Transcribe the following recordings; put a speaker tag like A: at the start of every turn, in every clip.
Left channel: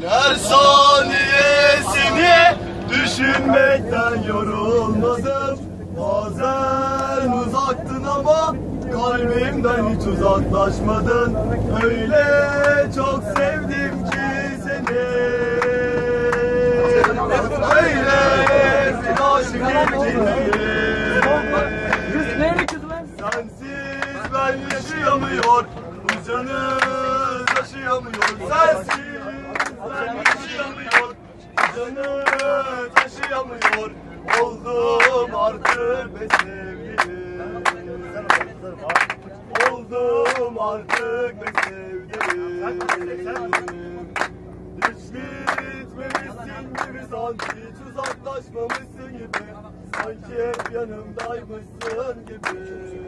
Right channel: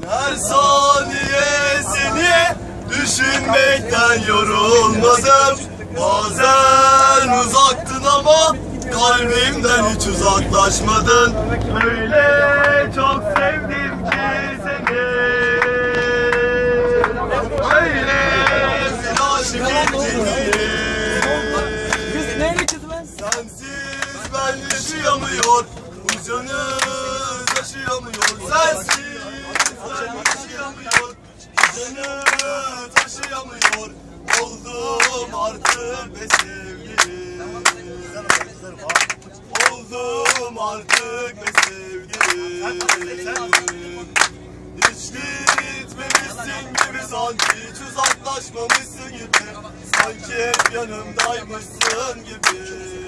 A: Her saniye seni düşünmekten yorulmadım. Bazen uzaktın ama kalbimden hiç uzaklaşmadın. Öyle çok sevdim ki seni. Öyle bir aşık ettin Sensiz ben yaşayamıyor Bu canım taşıyamıyor. Sensiz Canım taşıyamıyor Oldum artık be sevgilim. Oldum artık be sevgilim. Hiç gitmemişsin gibi sanki Hiç uzaklaşmamışsın gibi. Sanki hep yanımdaymışsın gibi.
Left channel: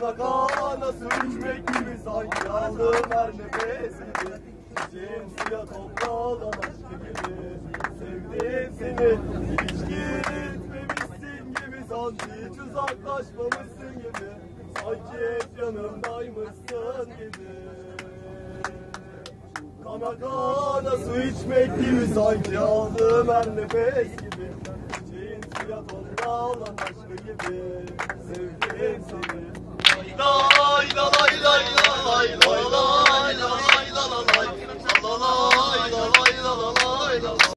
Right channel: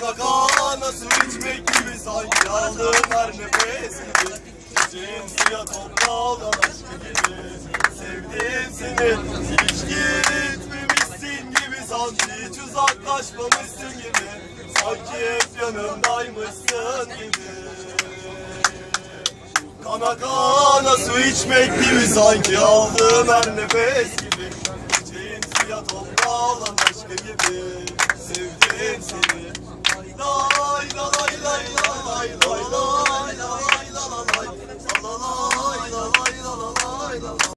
A: Kana kana su içmek gibi sanki aldım her nefes gibi Çiçeğin suya toprağı olan aşkı gibi. Sevdim hiç gitmemişsin gibi. Sanki Hiç uzaklaşmamışsın gibi. Sanki hep yanımdaymışsın gibi. Kana kana su içmek gibi. Sanki aldığım her nefes gibi. Çiçeğin suya toprağı olan aşkı gibi. Sevdim Fuego.